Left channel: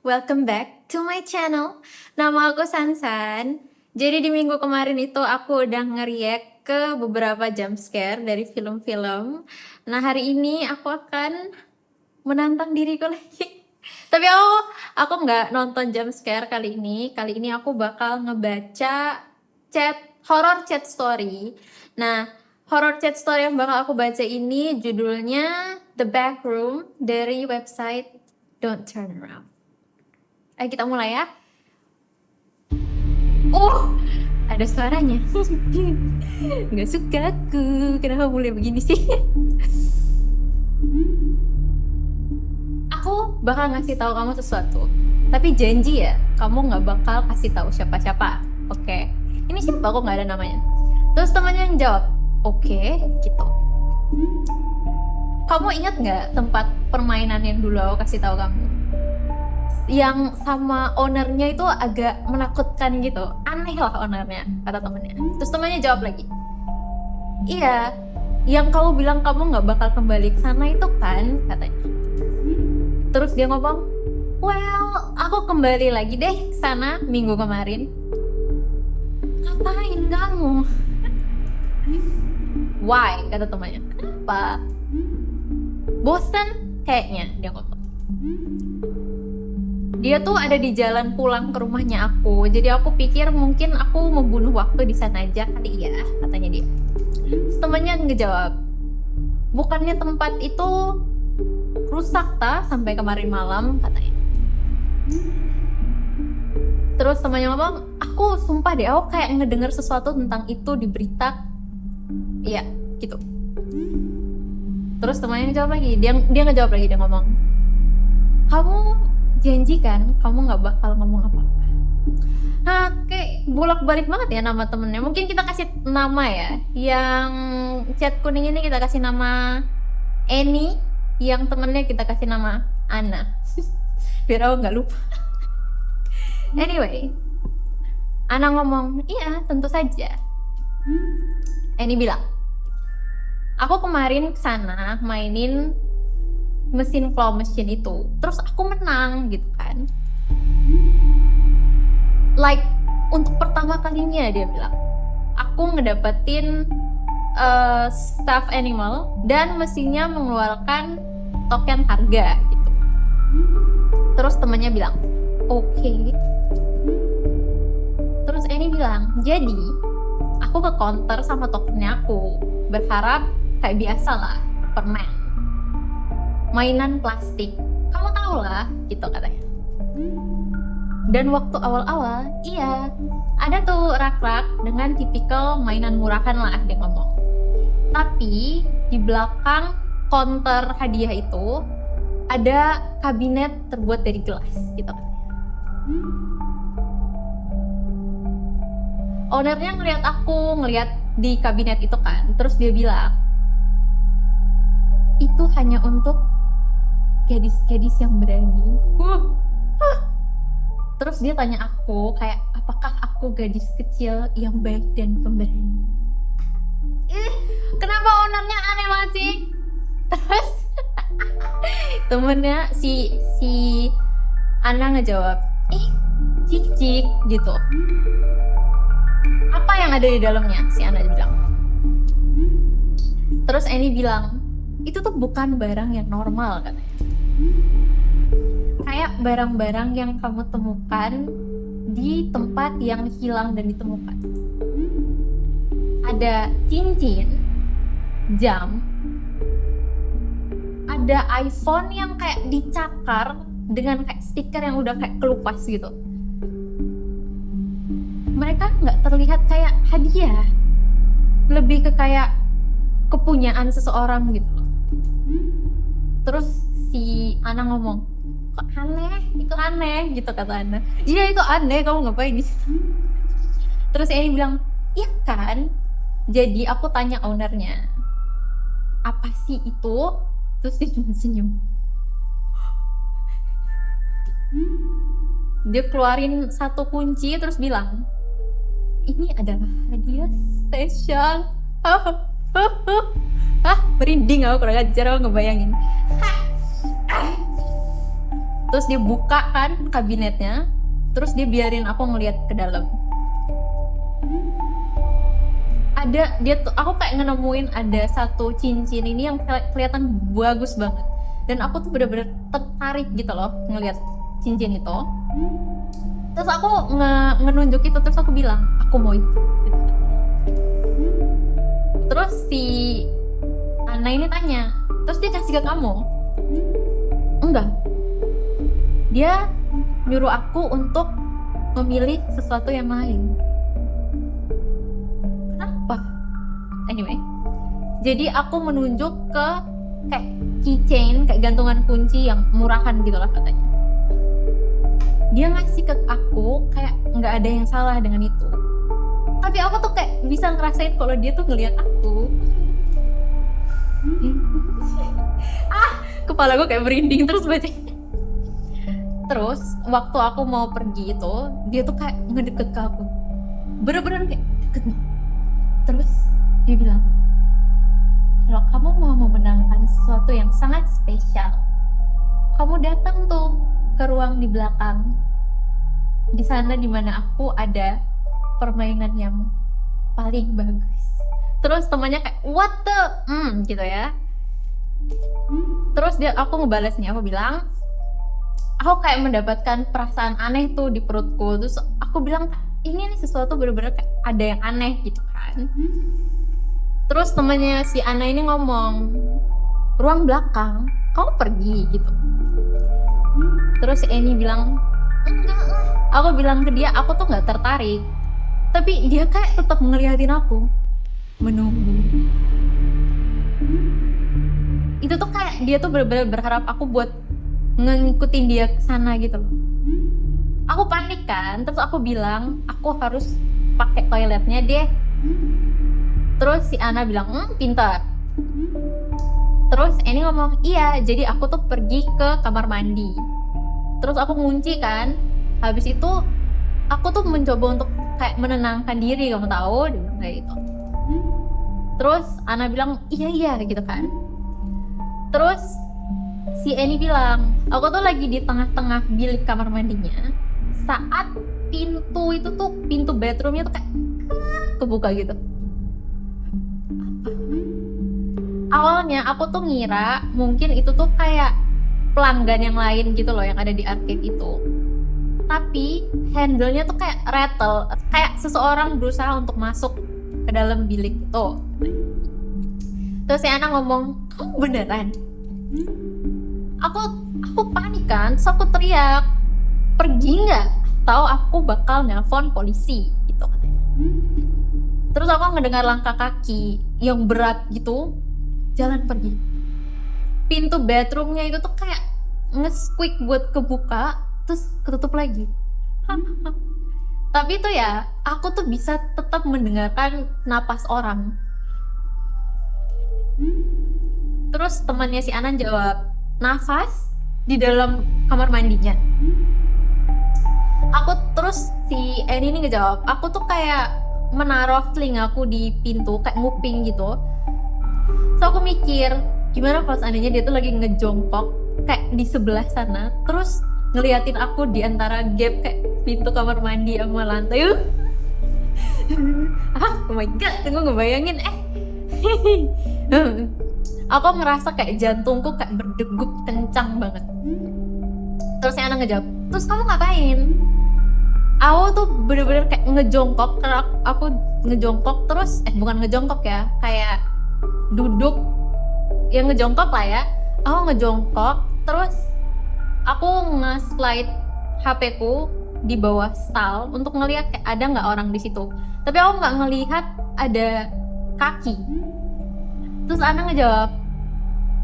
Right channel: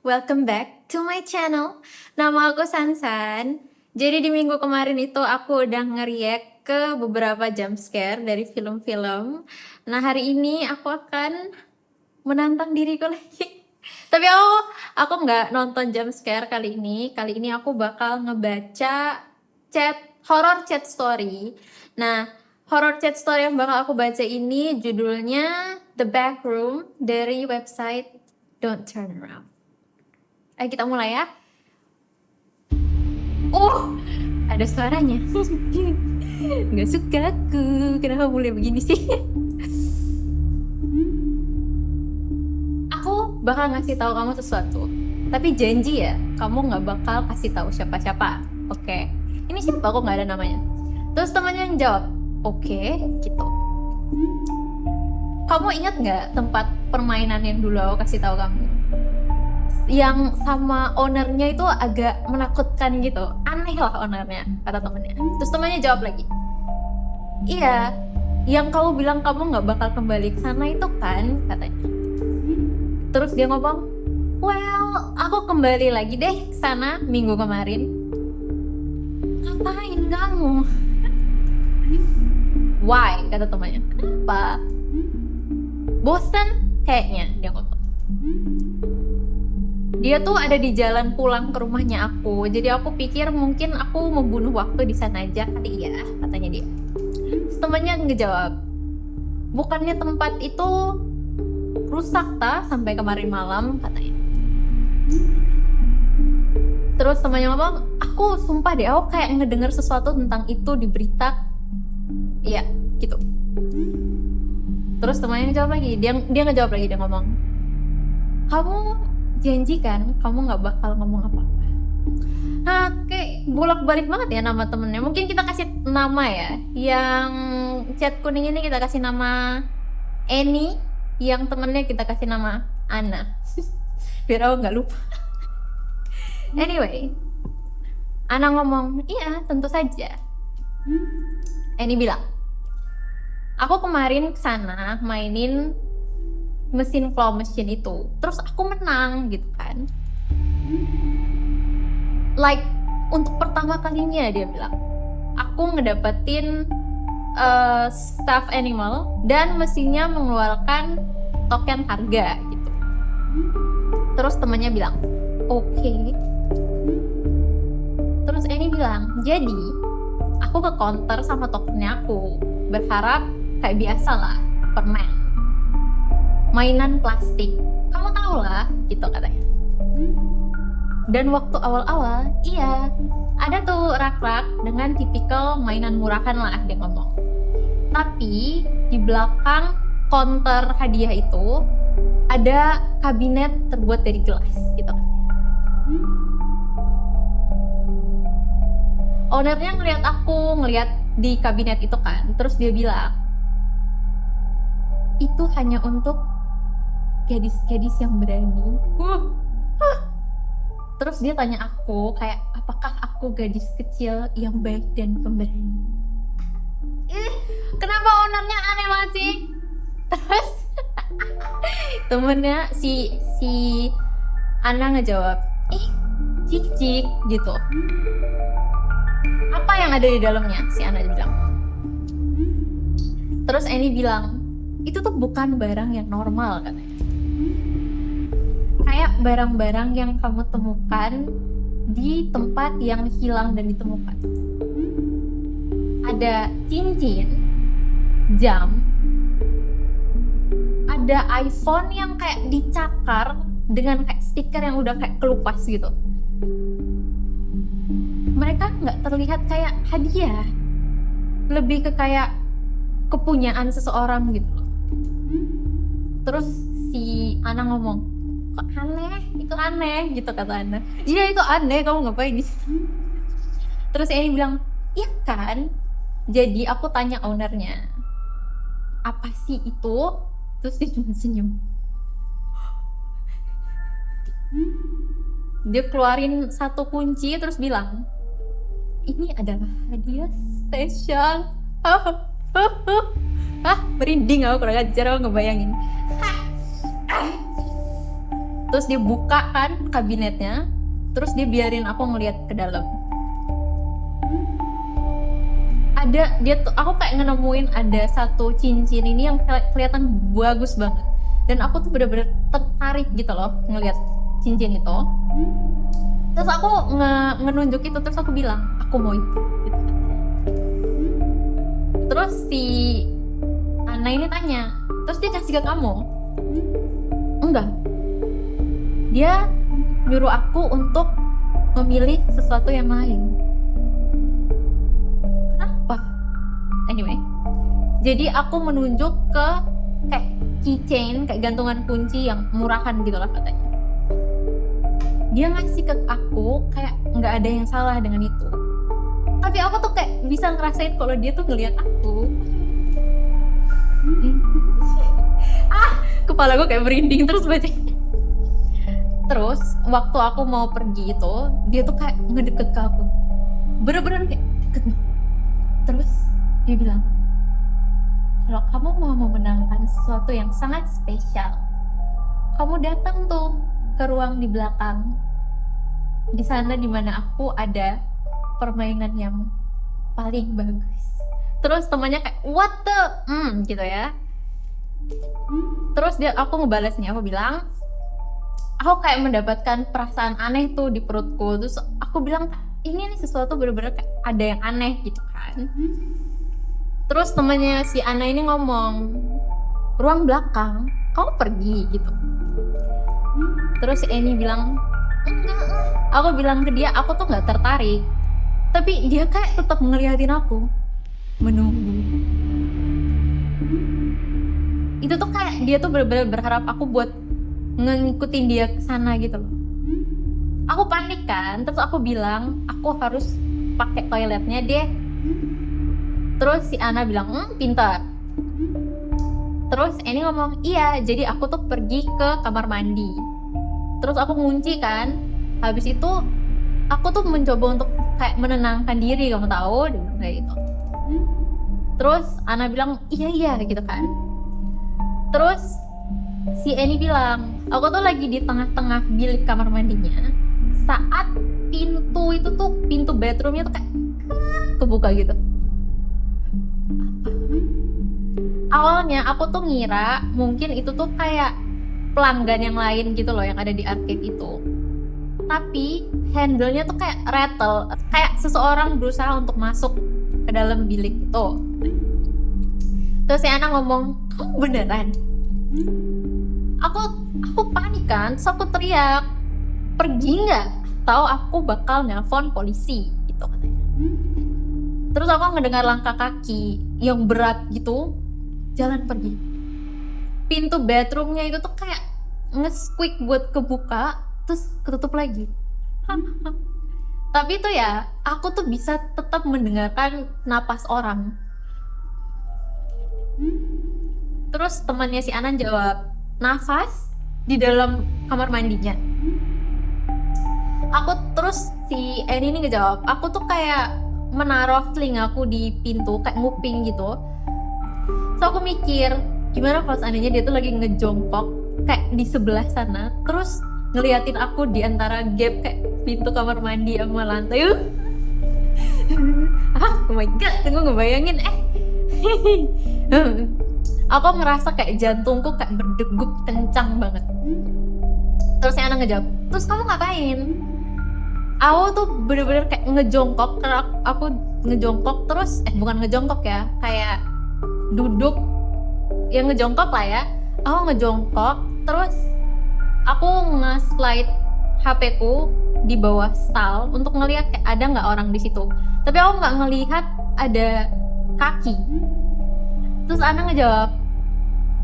welcome back to my channel. Nama aku Sansan. Jadi di minggu kemarin itu aku udah nge-react ke beberapa jump scare dari film-film. Nah hari ini aku akan menantang diriku lagi. Tapi aku nggak nonton jump scare kali ini. Kali ini aku bakal ngebaca horror chat story. Nah, horror chat story yang bakal aku baca ini judulnya The Backroom dari website Don't Turn Around. Ayo kita mulai ya. Ada suaranya. Nggak suka aku. Kenapa boleh begini sih? Aku bakal ngasih tahu kamu sesuatu. Tapi janji ya, kamu nggak bakal kasih tahu siapa-siapa. Oke. Ini siapa? Aku nggak ada namanya. Terus temannya yang jawab, oke, gitu. Kamu ingat nggak tempat permainan yang dulu aku kasih tahu kamu? Yang sama ownernya itu agak menakutkan gitu, aneh lah ownernya, kata temennya. Terus temannya jawab lagi, iya, yang kamu bilang kamu nggak bakal kembali ke sana itu kan, katanya. Terus dia ngomong, well, aku kembali lagi deh ke sana minggu kemarin. Ngapain kamu? Why? Kata temannya. Kenapa? Bosan kayaknya, dia ngomong. Dia tuh ada di jalan pulang ke rumahnya aku, jadi aku pikir mungkin aku membunuh waktu di sana aja kali ya, katanya dia. Terus temannya ngejawab, bukannya tempat itu rusak sampai kemarin malam, katanya. Terus temannya ngomong, aku sumpah deh, aku kayak ngedenger sesuatu tentang itu di berita. Iya, gitu. Terus temannya ngejawab lagi, dia ngejawab lagi, dia ngomong, kamu janji kan kamu nggak bakal ngomong apa-apa. Nah, kayak bolak-balik banget ya nama temennya. Mungkin kita kasih nama ya. Yang chat kuning ini kita kasih nama Annie. Yang temennya kita kasih nama Anna. Biar aku nggak lupa. Anyway, Anna ngomong, iya tentu saja. Annie bilang, aku kemarin kesana mainin mesin claw machine itu, terus aku menang gitu kan. Like untuk pertama kalinya dia bilang, aku ngedapetin stuffed animal dan mesinnya mengeluarkan token harga gitu. Terus temannya bilang, oke. Terus Annie bilang, jadi aku ke counter sama tokennya aku, berharap kayak biasa lah, permen, mainan plastik, kamu tau lah, gitu katanya. Dan waktu awal-awal, iya, ada tuh rak-rak dengan tipikal mainan murahan lah, dia ngomong. Tapi di belakang counter hadiah itu ada kabinet terbuat dari gelas, gitu katanya. Ownernya ngeliat aku, ngeliat di kabinet itu kan, terus dia bilang, itu hanya untuk gadis-gadis yang berani. Terus dia tanya aku kayak, apakah aku gadis kecil yang baik dan pemberani? Kenapa ownernya aneh banget sih? Terus temennya si Ana ngejawab, cik gitu. Apa yang ada di dalamnya? Si Ana bilang. Terus Annie bilang, itu tuh bukan barang yang normal katanya. Kayak barang-barang yang kamu temukan di tempat yang hilang dan ditemukan. Ada cincin, jam, ada iPhone yang kayak dicakar dengan kayak stiker yang udah kayak kelupas gitu. Mereka nggak terlihat kayak hadiah, lebih ke kayak kepunyaan seseorang gitu loh. Terus si Ana ngomong, kok aneh, itu aneh gitu kata Ana. Iya itu aneh, kamu ngapain di situ? Terus Annie bilang, iya kan? Jadi aku tanya ownernya, apa sih itu? Terus dia cuma senyum. Dia keluarin satu kunci terus bilang, ini adalah hadiah spesial. Merinding aku kurang ajar, aku ngebayangin. Terus dia buka kan kabinetnya, terus dia biarin aku ngeliat ke dalam. Aku kayak nemuin ada satu cincin ini yang kelihatan bagus banget, dan aku tuh bener-bener tertarik gitu loh ngeliat cincin itu. Terus aku ngenunjuk itu, terus aku bilang aku mau itu gitu. Terus si Ana ini tanya, terus dia kasih ke kamu? Enggak, dia nyuruh aku untuk memilih sesuatu yang lain. Kenapa? Anyway, jadi aku menunjuk ke kayak keychain, kayak gantungan kunci yang murahan gitu lah katanya. Dia ngasih ke aku kayak nggak ada yang salah dengan itu, tapi aku tuh kayak bisa ngerasain kalau dia tuh ngeliat aku. Kepala gue kayak merinding terus bacanya. Terus waktu aku mau pergi itu, dia tuh kayak ngedeket ke aku, bener-bener kayak deket. Terus dia bilang, kalau kamu mau memenangkan sesuatu yang sangat spesial, kamu datang tuh ke ruang di belakang. Di sana dimana aku ada permainan yang paling bagus. Terus temannya kayak what the gitu ya. Terus aku ngebalasnya, aku bilang aku kayak mendapatkan perasaan aneh tuh di perutku. Terus aku bilang ini nih sesuatu bener-bener kayak ada yang aneh gitu kan. Terus temannya si Ana ini ngomong, ruang belakang, kamu pergi gitu. Terus si Eni bilang, enggak lah. Aku bilang ke dia, aku tuh nggak tertarik. Tapi dia kayak tetap ngeliatin aku, menunggu. Itu tuh kayak dia tuh bener-bener berharap aku buat ngikutin dia ke sana gitu loh. Aku panik kan, terus aku bilang aku harus pakai toiletnya deh. Terus si Ana bilang, pintar. Terus Eni ngomong, iya, jadi aku tuh pergi ke kamar mandi. Terus aku ngunci kan. Habis itu aku tuh mencoba untuk kayak menenangkan diri, kamu tahu, dia bilang kayak gitu. Terus Ana bilang, iya gitu kan. Terus si Eni bilang, aku tuh lagi di tengah-tengah bilik kamar mandinya saat pintu bedroomnya tuh kayak kebuka gitu. Awalnya aku tuh ngira mungkin itu tuh kayak pelanggan yang lain gitu loh yang ada di arcade itu. Tapi handle-nya tuh kayak rattle, kayak seseorang berusaha untuk masuk ke dalam bilik itu. Terus si Ana ngomong, kamu beneran? Aku panik kan, terus aku teriak, pergi nggak? Atau aku bakal nelpon polisi gitu katanya. Terus aku ngedengar langkah kaki yang berat gitu, jalan pergi. Pintu bedroomnya itu tuh kayak nge-squeak buat kebuka, terus ketutup lagi. Tapi itu ya, aku tuh bisa tetap mendengarkan napas orang. Terus temannya si Anan jawab, nafas di dalam kamar mandinya. Terus si Eni ini ngejawab, aku tuh kayak menaruh telingaku di pintu, kayak nguping gitu. So aku mikir, gimana kalau seandainya dia tuh lagi ngejongkok kayak di sebelah sana, terus ngeliatin aku di antara gap kayak pintu kamar mandi sama lantai. Oh my god, tunggu ngebayangin aku ngerasa kayak jantungku kayak berdegup kencang banget. Terus si Ana ngejawab, terus kamu ngapain? Aku tuh bener-bener kayak ngejongkok, karena aku ngejongkok terus, bukan ngejongkok ya, kayak duduk, yang ngejongkok lah ya. Aku ngejongkok, terus aku nge-slide HP-ku di bawah stall untuk ngelihat kayak ada nggak orang di situ. Tapi aku nggak ngelihat ada kaki. Terus Ana ngejawab,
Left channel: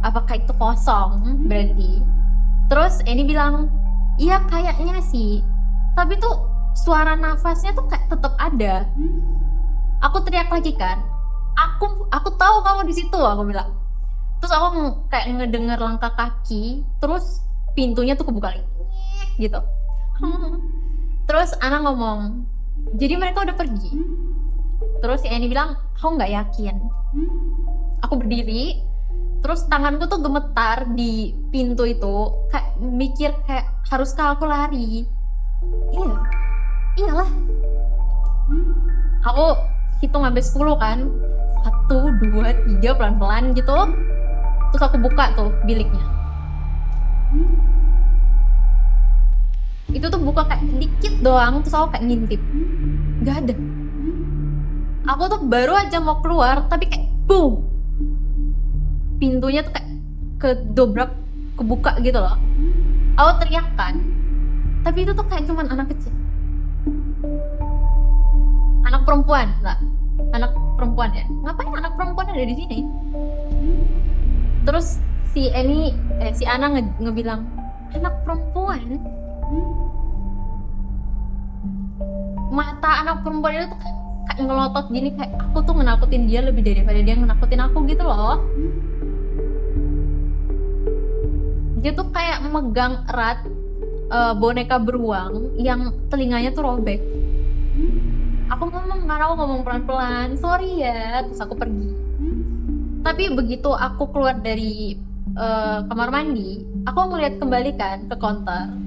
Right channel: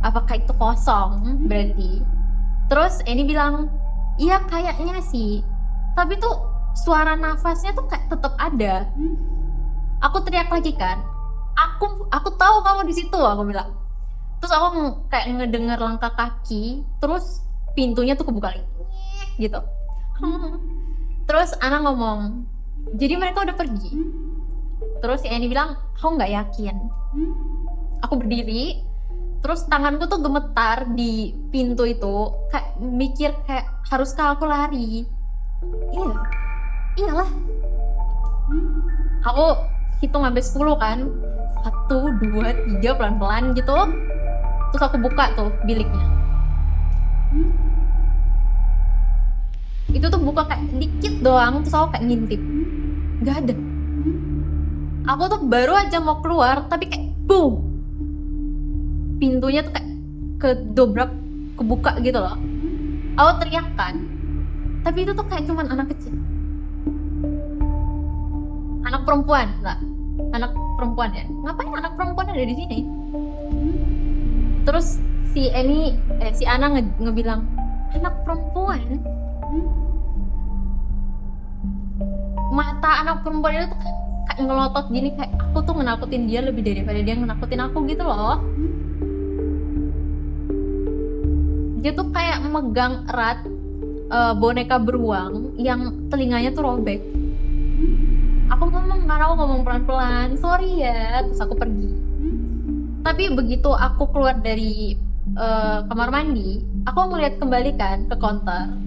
apakah itu kosong berarti? Terus Eni bilang, iya kayaknya sih. Tapi tuh suara nafasnya tuh kayak tetap ada. Aku teriak lagi kan, aku tahu kamu di situ, aku bilang. Terus aku kayak ngedengar langkah kaki, terus pintunya tuh kebuka lagi, gitu. Terus Ana ngomong, jadi mereka udah pergi. Terus si Eni bilang, aku nggak yakin. Aku berdiri, Terus tanganku tuh gemetar di pintu itu, kayak mikir kayak haruskah aku lari? Iya, iyalah. Aku hitung sampai 10 kan. 1, 2, 3 pelan-pelan gitu. Terus aku buka tuh biliknya. Itu tuh buka kayak dikit doang, terus aku kayak ngintip. Gak ada. Aku tuh baru aja mau keluar, tapi kayak boom. Pintunya tuh kayak kedobrak, kebuka gitu loh. Aku teriak kan. Tapi itu tuh kayak cuman anak kecil. Anak perempuan, lah. Anak perempuan ya. Ngapain anak perempuan ada di sini? Terus si Ana ngebilang, anak perempuan. Mata anak perempuan itu tuh kayak ngelotot gini, kayak aku tuh menakutin dia lebih daripada dia menakutin aku gitu loh. Dia tuh kayak megang erat boneka beruang yang telinganya tuh robek. Aku ngomong pelan-pelan, sorry ya, terus aku pergi. Tapi begitu aku keluar dari kamar mandi, aku ngeliat kembali kan ke counter.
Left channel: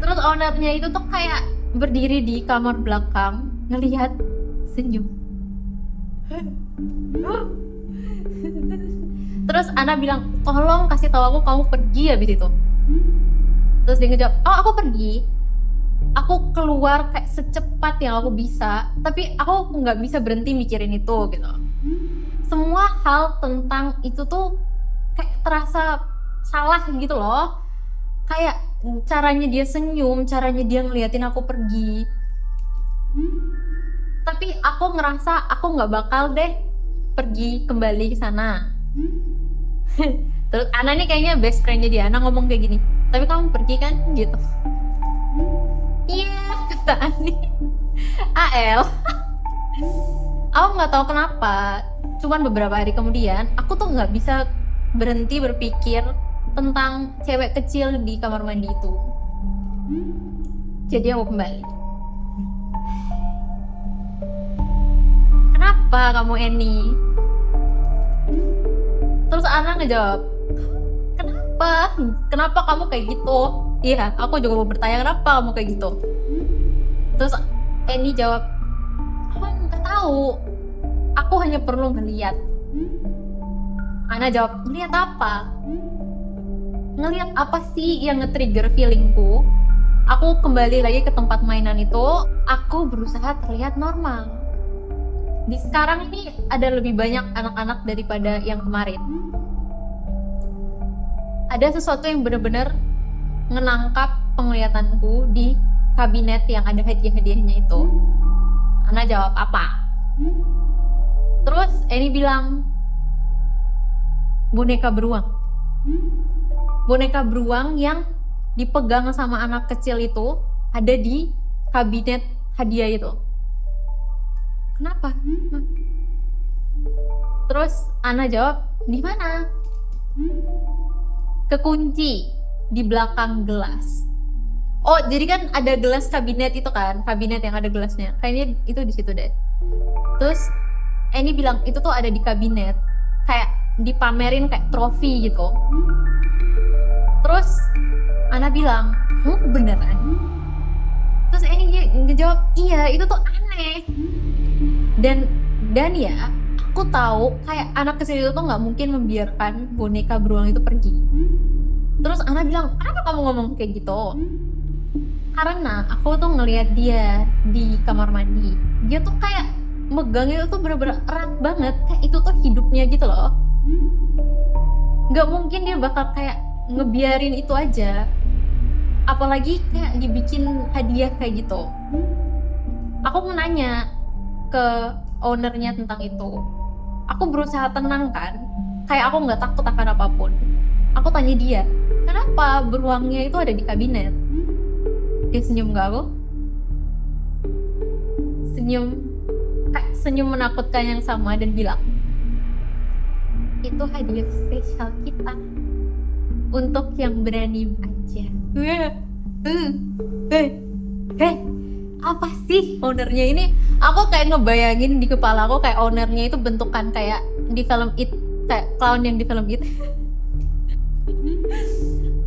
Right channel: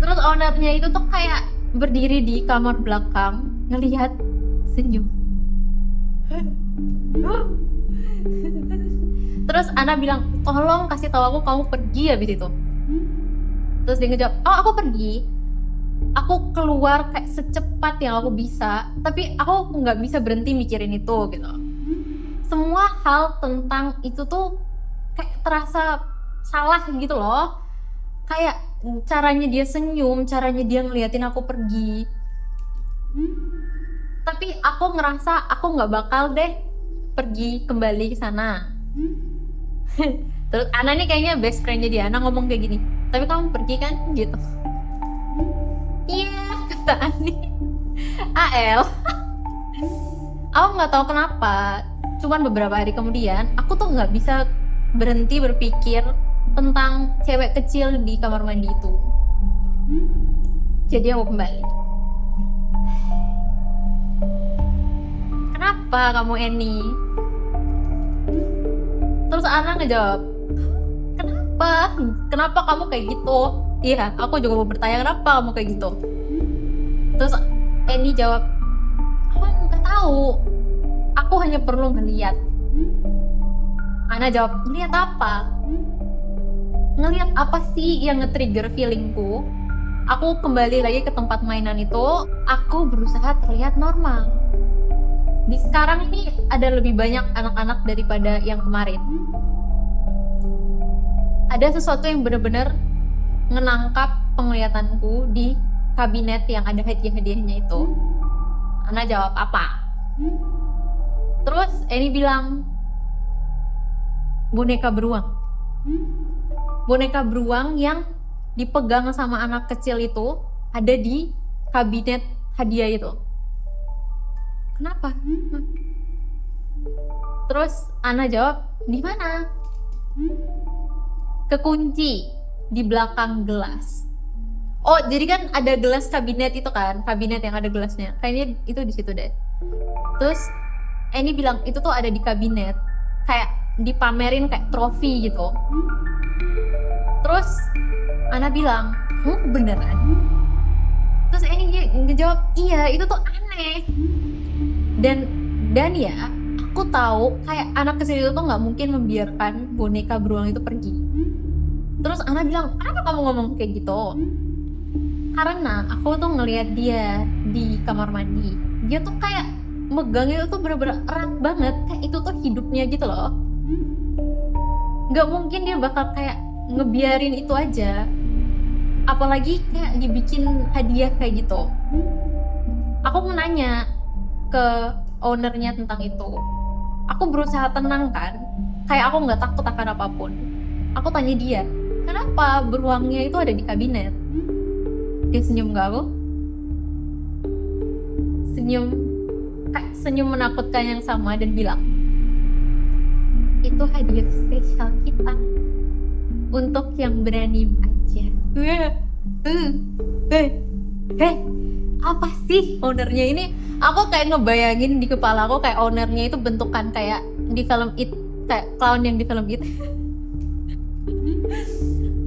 Terus ownernya itu tuh kayak berdiri di kamar belakang, ngelihat, senyum. Terus Ana bilang, tolong kasih tahu aku kamu pergi habis itu. Terus dia ngejawab, oh aku pergi. Aku keluar kayak secepat yang aku bisa, tapi aku nggak bisa berhenti mikirin itu gitu. Semua hal tentang itu tuh kayak terasa salah gitu loh. Kayak caranya dia senyum, caranya dia ngeliatin aku pergi. Tapi aku ngerasa aku nggak bakal deh pergi kembali ke sana. Terus Ana nih kayaknya best friendnya dia, Ana ngomong kayak gini, tapi kamu pergi kan gitu. Iya, kata Ani. AL. Aku nggak tahu kenapa, cuman beberapa hari kemudian aku tuh nggak bisa berhenti berpikir tentang cewek kecil di kamar mandi itu. Jadi aku kembali. Kenapa kamu Eni? Terus Ana ngejawab, kenapa? Kenapa kamu kayak gitu? Iya, aku juga mau bertanya kenapa kamu kayak gitu. Terus Eni jawab, aku nggak tahu. Aku hanya perlu ngeliat. Ana jawab, ngeliat apa? Ngeliat apa sih yang nge-trigger feelingku? Aku kembali lagi ke tempat mainan itu. Aku berusaha terlihat normal. Di sekarang ini ada lebih banyak anak-anak daripada yang kemarin. Ada sesuatu yang benar-benar menangkap penglihatanku di kabinet yang ada hadiah-hadiahnya itu. Ana jawab apa? Terus Eni bilang, boneka beruang. Boneka beruang yang dipegang sama anak kecil itu ada di kabinet hadiah itu. Kenapa? Terus Ana jawab, di mana? Kekunci di belakang gelas. Oh, jadi kan ada gelas kabinet itu kan, kabinet yang ada gelasnya. Kayaknya itu di situ deh. Terus Eni bilang itu tuh ada di kabinet, kayak dipamerin kayak trofi gitu. Terus Ana bilang, beneran? Terus Eni ngejawab, iya itu tuh aneh. Dan ya, aku tahu kayak anak kecil itu tuh nggak mungkin membiarkan boneka beruang itu pergi. Terus Ana bilang, kenapa kamu ngomong kayak gitu? Karena aku tuh ngelihat dia di kamar mandi. Dia tuh kayak megang itu tuh bener-bener erat banget. Kayak itu tuh hidupnya gitu loh. Gak mungkin dia bakal kayak ngebiarin itu aja. Apalagi kayak dibikin hadiah kayak gitu. Aku mau nanya ke ownernya tentang itu. Aku berusaha tenang kan. Kayak aku gak takut akan apapun. Aku tanya dia, kenapa beruangnya itu ada di kabinet? Dia senyum ke aku. Senyum menakutkan yang sama dan bilang, itu hadiah spesial kita untuk yang berani aja. Apa sih ownernya ini? Aku kayak ngebayangin di kepala aku kayak ownernya itu bentukan kayak di film It kayak clown yang di film itu.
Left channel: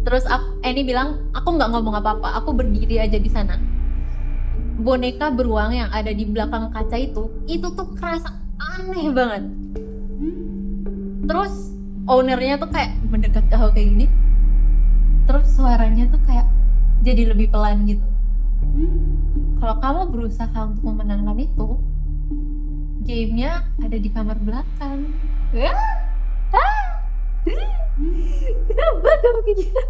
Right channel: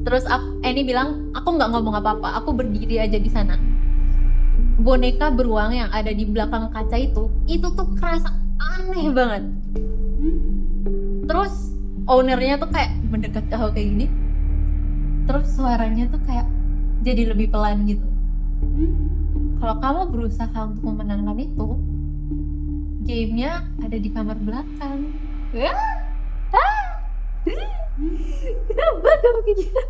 Terus Annie bilang, aku nggak ngomong apa-apa, aku berdiri aja di sana. Boneka beruang yang ada di belakang kaca itu tuh kerasa aneh banget. Terus ownernya tuh kayak mendekat ke aku kayak gini. Terus suaranya tuh kayak jadi lebih pelan gitu. Kalau kamu berusaha untuk memenangkan itu, gamenya ada di kamar belakang. Kenapa kamu kayak gitu?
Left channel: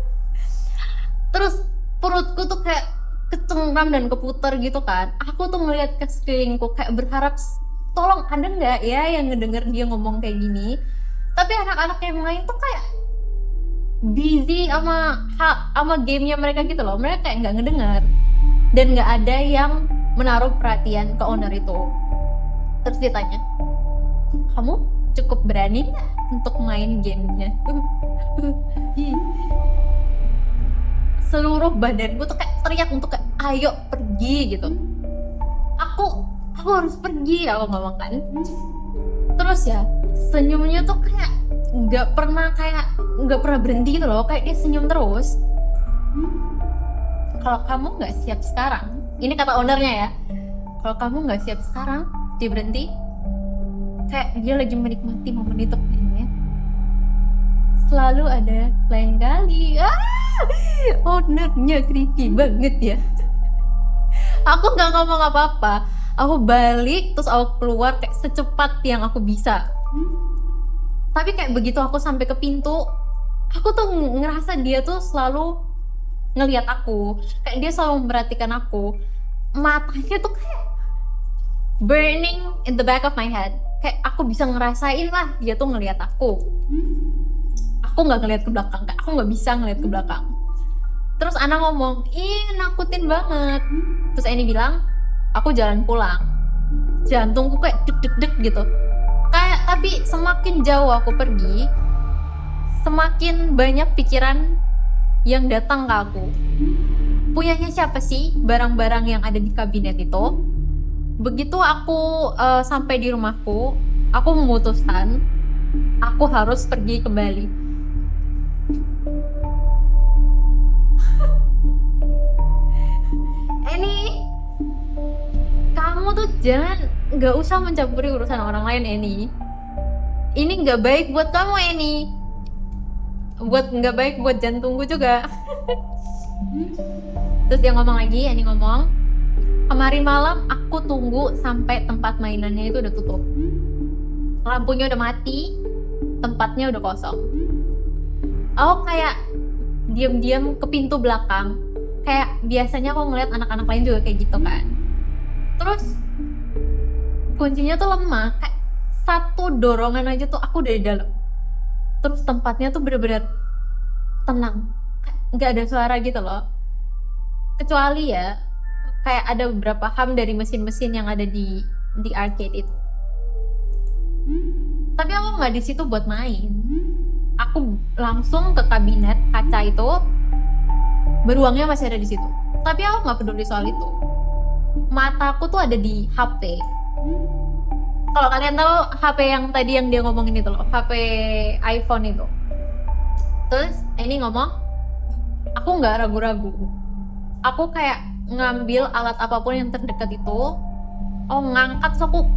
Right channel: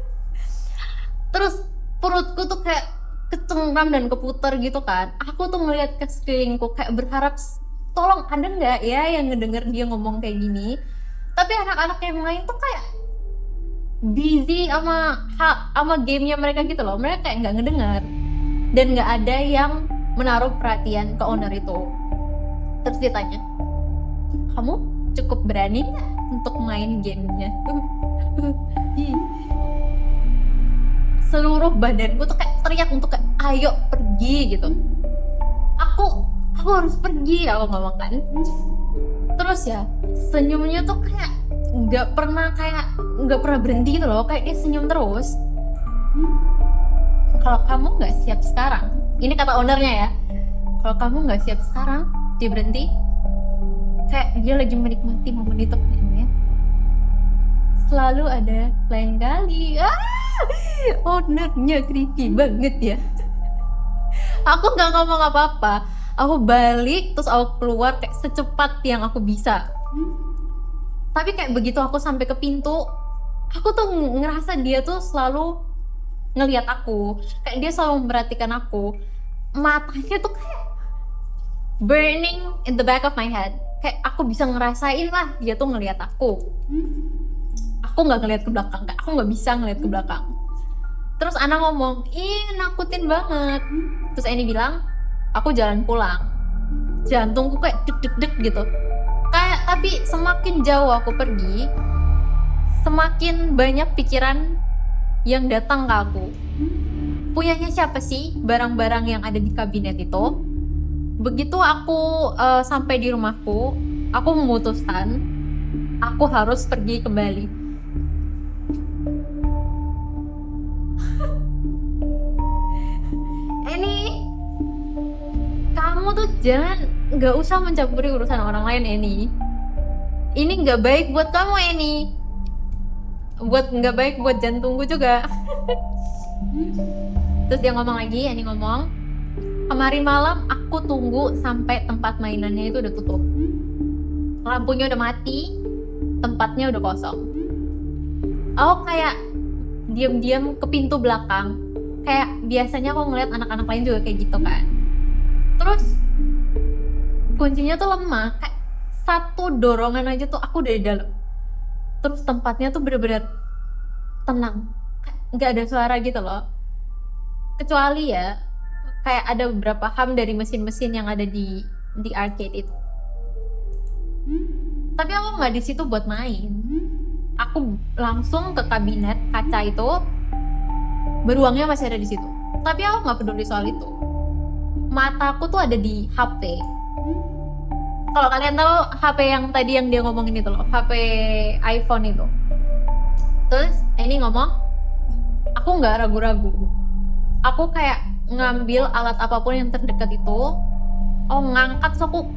Terus perutku tuh kayak kecengkram dan keputar gitu kan. Aku tuh ngeliat ke sekelilingku kayak berharap tolong ada nggak ya yang ngedenger dia ngomong kayak gini. Tapi anak-anak yang lain tuh kayak busy sama gamenya mereka gitu loh. Mereka kayak nggak ngedengar dan nggak ada yang menaruh perhatian ke owner itu. Terus dia tanya, kamu cukup berani nggak untuk main gamenya? Seluruh badanku tuh kayak teriak untuk kayak ayo pergi gitu. Aku harus pergi, aku ngomong kan. Terus ya senyumnya tuh kayak nggak pernah berhenti gitu loh, kayak dia senyum terus. Kalau kamu nggak siap sekarang, ini kata ownernya ya, kalau kamu nggak siap sekarang, dia berhenti. Kayak dia lagi menikmati momen itu kayaknya. Selalu ada lain kali. Ownernya creepy banget ya. Aku nggak ngomong apa-apa. Aku balik terus aku keluar kayak secepat yang aku bisa. Tapi kayak begitu aku sampai ke pintu, aku tuh ngerasa dia tuh selalu ngelihat aku. Kayak dia selalu memperhatikan aku. Matanya tuh kayak burning in the back of my head. Kayak aku bisa ngerasain lah dia tuh ngelihat aku. Aku nggak ngelihat ke belakang, kayak aku nggak bisa ngelihat ke belakang. Terus Ana ngomong, ih nakutin banget. Terus Annie bilang, aku jalan pulang. Jantungku kayak deg-deg gitu. Kayak tapi semakin jauh aku pergi, semakin banyak pikiran yang datang ke aku. Punyanya siapa sih barang-barang yang ada di kabinet itu? Begitu aku sampai di rumahku, aku memutuskan aku harus pergi kembali. Eni, kamu tuh nggak usah mencampuri urusan orang lain, Eni. Ini nggak baik buat kamu, Eni. Nggak baik buat jantungku juga. Terus dia ngomong lagi, Eni ngomong, kemarin malam aku tunggu sampai tempat mainannya itu udah tutup. Lampunya udah mati, tempatnya udah kosong. Aku kayak diam-diam ke pintu belakang. Kayak biasanya aku ngeliat anak-anak lain juga kayak gitu kan. Terus kuncinya tuh lemah, kayak satu dorongan aja tuh aku dari dalam. Terus tempatnya tuh bener-bener tenang, nggak ada suara gitu loh. Kecuali ya kayak ada beberapa hum dari mesin-mesin yang ada di arcade itu. Tapi aku nggak di situ buat main. Aku langsung ke kabinet kaca itu. Beruangnya masih ada di situ. Tapi aku nggak peduli soal itu. Mataku tuh ada di HP. Kalau kalian tahu HP yang tadi yang dia ngomongin itu loh, HP iPhone itu. Terus ini ngomong, aku nggak ragu-ragu. Aku kayak ngambil alat apapun yang terdekat itu. Oh ngangkat, so aku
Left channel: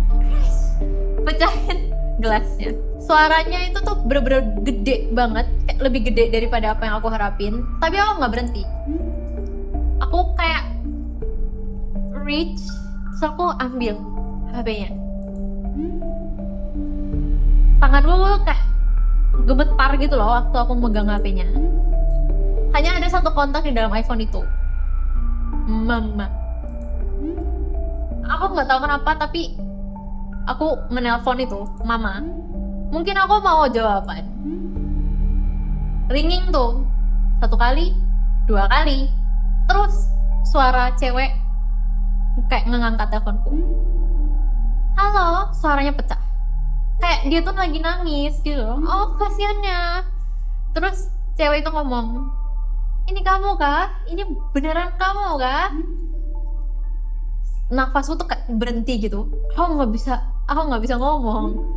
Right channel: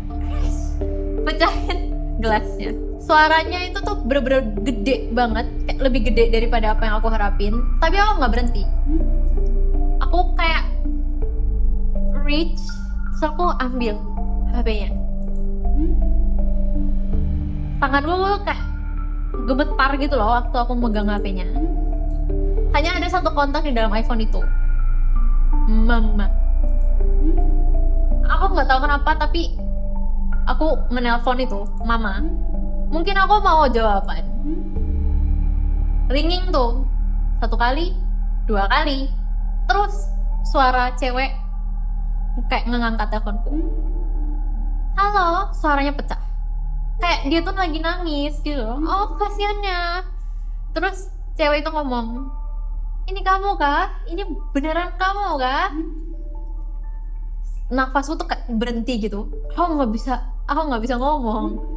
pecahin gelasnya. Suaranya itu tuh bener-bener gede banget, kayak lebih gede daripada apa yang aku harapin. Tapi aku nggak berhenti. Aku kayak reach, so aku ambil HP-nya. Tanganku kayak gemetar gitu loh waktu aku megang HP-nya. Hanya ada satu kontak di dalam iPhone itu, Mama. Aku nggak tahu kenapa, tapi aku menelpon itu Mama. Mungkin aku mau jawaban. Ringing tuh 1 kali, 2 kali, terus suara cewek kayak ngangkat teleponku. Halo, suaranya pecah. Kayak dia tuh lagi nangis gitu. Oh kasiannya. Terus cewek itu ngomong, ini kamu kah? Ini beneran kamu kah? Nafasku tuh kayak berhenti gitu. Aku nggak bisa ngomong.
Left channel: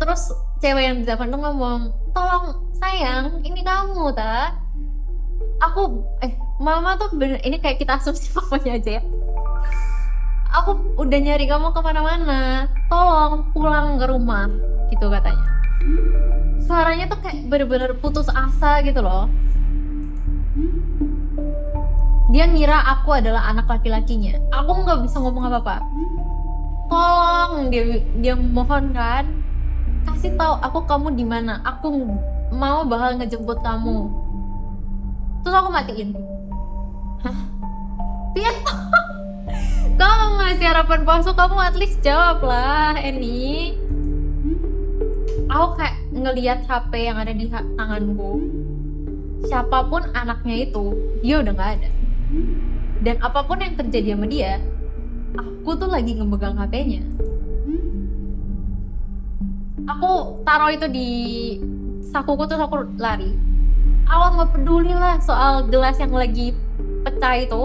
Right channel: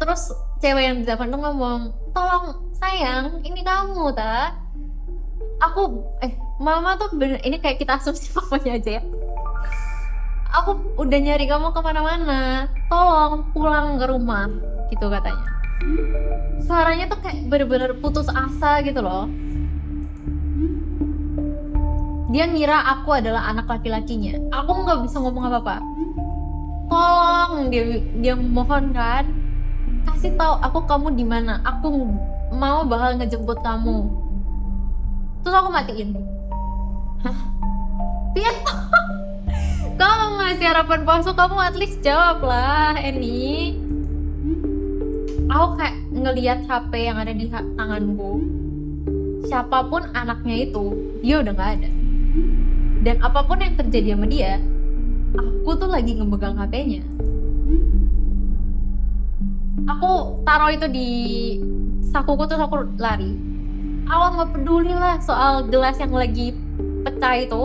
Terus cewek yang di depan tuh ngomong, tolong sayang, ini kamu ta. Aku mama tuh bener, ini kayak kita asumsi papanya aja ya. Aku udah nyari kamu kemana-mana, tolong pulang ke rumah, gitu katanya. Suaranya tuh kayak bener-bener putus asa gitu loh. Dia ngira aku adalah anak laki-lakinya. Aku nggak bisa ngomong apa-apa. Tolong, dia mohon kan, kasih tahu aku kamu di mana. Aku mau bakal ngejemput kamu. Terus aku matiin. Hah? Piet? Kamu ngasih harapan palsu, kamu at least jawab lah, Eni. Aku kayak ngelihat HP yang ada di tanganku. Siapapun anaknya itu, dia udah nggak ada. Dan apapun yang terjadi sama dia, aku tuh lagi ngemegang HP-nya. Aku taruh itu di sakuku terus aku lari. Aku nggak peduli lah soal gelas yang lagi pecah itu.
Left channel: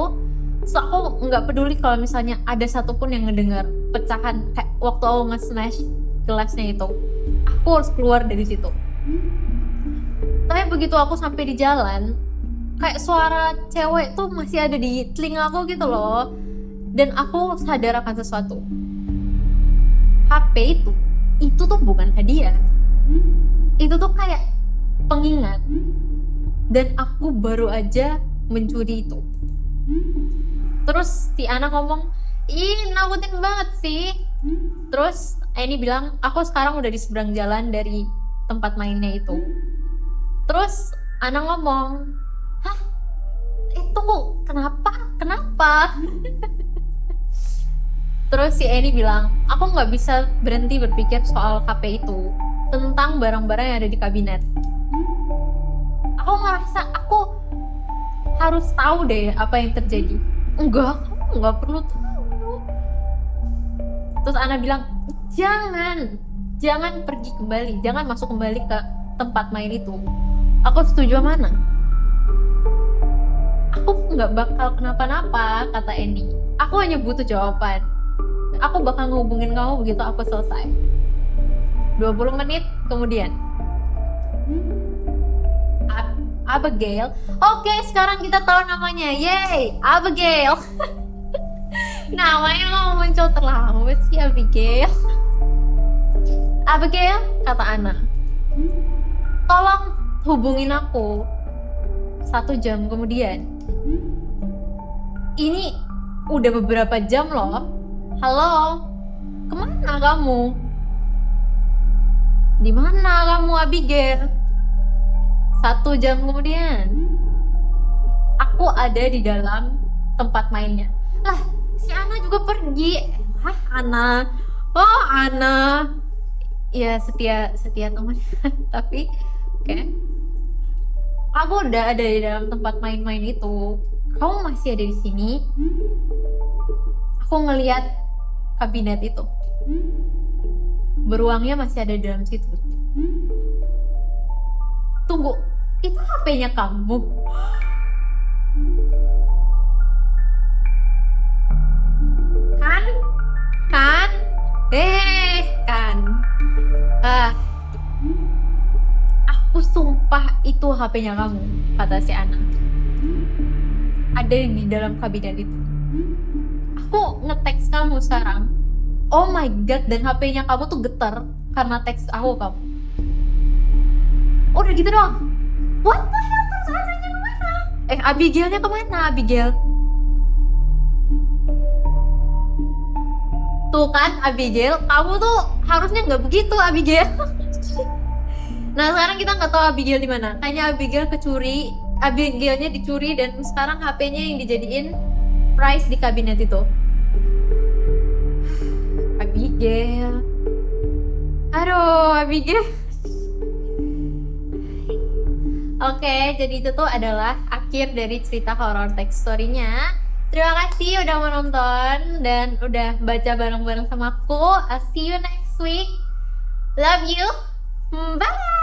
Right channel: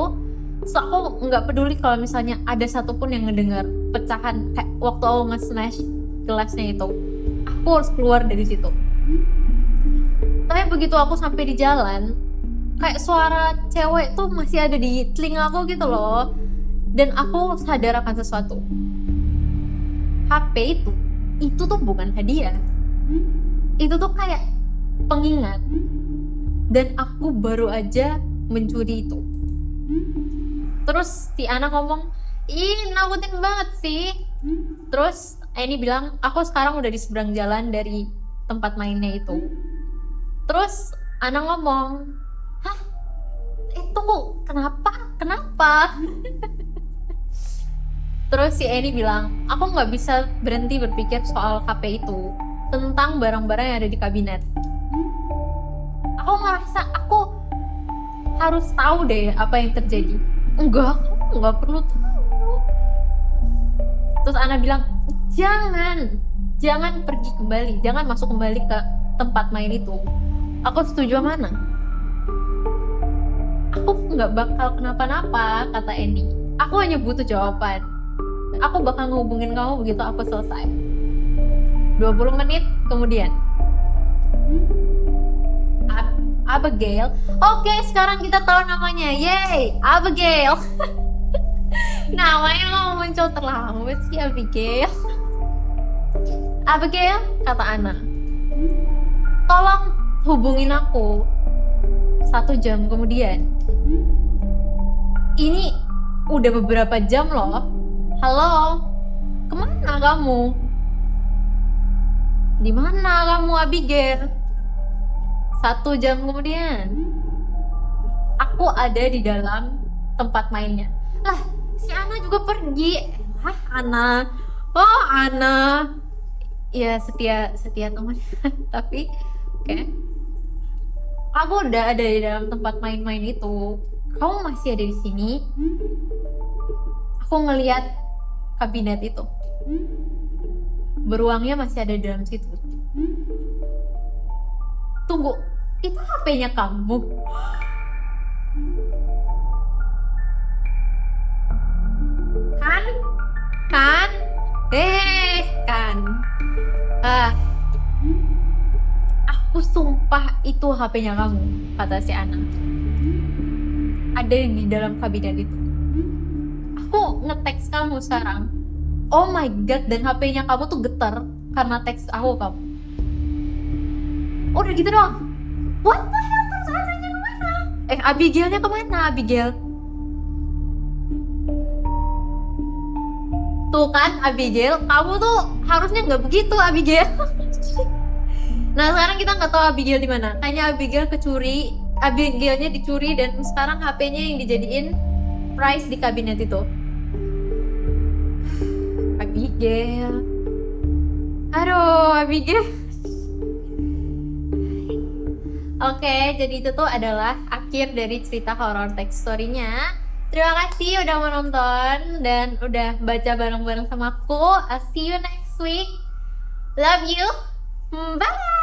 So aku nggak peduli kalau misalnya ada satupun yang ngedengar pecahan kayak waktu aku nge-smash gelasnya itu. Aku harus keluar dari situ. Tapi begitu aku sampai di jalan, kayak suara cewek tuh masih ada di telinga aku gitu loh. Dan aku sadar akan sesuatu. HP itu tuh bukan hadiah. Itu tuh kayak pengingat. Dan aku baru aja mencuri itu. Terus si Ana ngomong, ih nakutin banget sih. Terus Eni bilang, aku sekarang udah di seberang jalan dari tempat mainnya itu. Terus Ana ngomong, hah? Tunggu, kenapa? Terus si Eni bilang, aku nggak bisa berhenti berpikir soal HP itu, tentang barang-barang yang ada di kabinet. Aku ngerasa aku harus tahu deh apa yang terjadi. Enggak, kamu nggak perlu tahu. Terus Ana bilang, jangan pergi kembali, jangan masuk kembali ke tempat main itu. Aku setuju sama Ana. Aku nggak bakal kenapa-napa, kata Eni. Aku hanya butuh jawaban. Aku bakal ngehubungin kamu begitu aku selesai. 20 menit kemudian. Abigail. Oke, sekarang kita tahu namanya. Yeay, Abigail. Namanya mau muncul terlambat sih, Abigail. Abigail, kata Ana, tolong hubungin aku 1 jam kemudian. Ini udah beberapa jam loh. Halo, kemana kamu? Di mana kamu, Abigail? 1 jam kemudian, aku ada di dalam tempat mainnya. Lah, si Ana juga pergi. Ana. Oh, Ana. Ya, setia teman. Tapi, oke. Aku udah ada di dalam tempat main-main itu. Kamu masih ada di sini. Aku ngelihat kabinet itu. Beruangnya masih ada di dalam situ. Tunggu, itu HP-nya kamu? Kan? Kan? Aku sumpah itu HP-nya kamu, kata si Ana. Ada di dalam kabinet itu. Aku nge-text kamu sekarang. Oh my god, dan HP-nya kamu tuh getar karena teks kamu. Udah gitu doang. What the hell, terus Ananya kemana? Abigailnya kemana, Abigail? Tuh kan, Abigail, kamu tuh harusnya nggak begitu, Abigail. Nah, sekarang kita nggak tahu Abigail di mana. Kayaknya Abigailnya dicuri dan sekarang HP-nya yang dijadiin prize di kabinet itu. Abigail. Aduh, Abigail. Oke, jadi itu tuh adalah akhir dari cerita horror text story-nya. Terima kasih udah menonton dan udah baca bareng-bareng sama aku. I'll see you next week. Love you. Bye.